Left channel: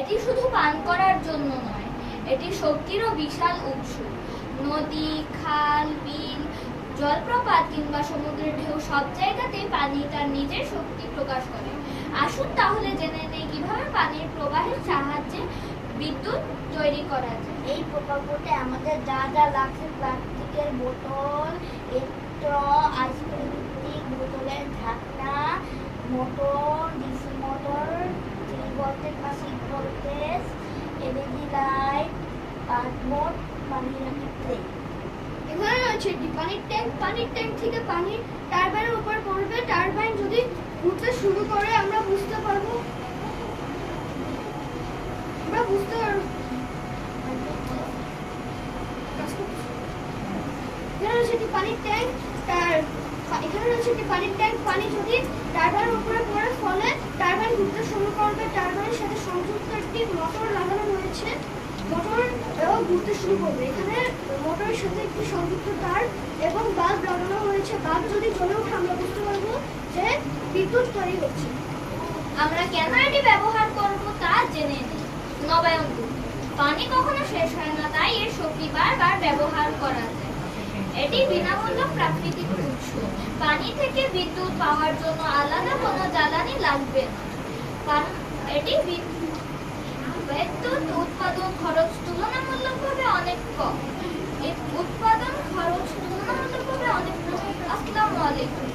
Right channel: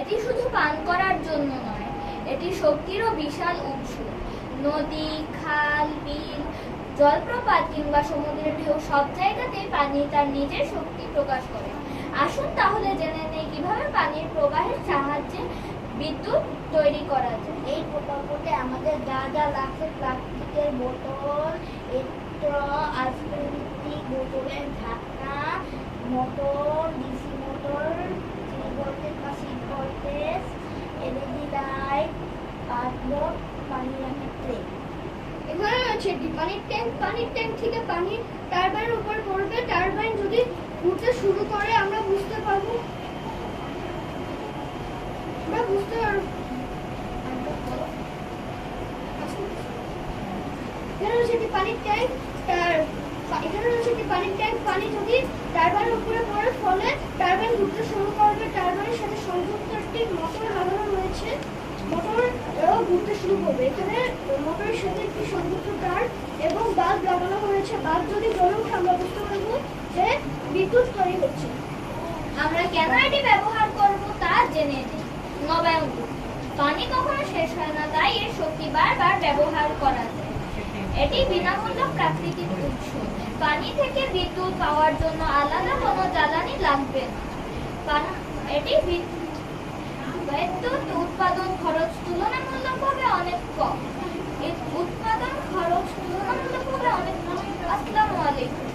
এটি শুধু পান করার জন্য নয়, এটি শক্তিরও বিশাল উৎস। নদী, খাল, বিল, জলপ্রপাত কিংবা সমুদ্রের ঢেউ সব জায়গাতেই পানি তার নিজের শক্তি প্রকাশ করে। আসুন তাহলে জেনে নেই কিভাবে পানির প্রবাহের সাহায্যে বিদ্যুৎ তৈরি করা যায়। এই প্রকল্পতে আমাদের যা যা লাগছে, প্লাস্টিকের বোতল, আইসক্রিম বোতলের ঢাকনা, মোটর, ডিসি মোটর, 3 ভোল্টেজ বা 6 ভোল্টেজ, এলইডি লাইট, কার্ডবোর্ড, পানি রাখার ট্রে। এখানে রয়েছে একটি পানির ট্যাঙ্ক। পানির ট্যাঙ্ক থেকে পানি টারবাইনের উপরে পড়বে। টারবাইন যদি ঘুরতে শুরু করে আমরা বুঝতে পারবো এখানে রয়েছে একটি পানির ট্যাঙ্ক। পানি যদি টারবাইনের উপরে পড়ে ফলে টারবাইন ঘুরতে শুরু করবে। টারবাইনের সাথে সংযুক্ত একটি মোটর লাগানো রয়েছে, মোটর ঘুরতে শুরু করবে। এখানে মোটরের সাথে একটি সংযুক্ত তার এবং বাল্ব লাগানো হয়েছে। বাল্ব যদি জ্বলে ওঠে আমরা বুঝতে পারবো যে বিদ্যুৎ তৈরি হচ্ছে। আমরা কেন এটি ব্যবহার করব তা জেনে নিই। নবায়ন, পানি কখনো শেষ হয় না, তাই এর শক্তি বারবার ব্যবহার করা যায়। এটি বিনামূল্য প্রাকৃতিক উৎস। পানি থেকে বিদ্যুৎ পাওয়ার জন্য আলাদা কোনো জ্বালানি লাগবে না। এটি বিদ্যুৎ উৎপাদন খরচ তুলনামূলকভাবে অনেক কম। আসসালামু আলাইকুম।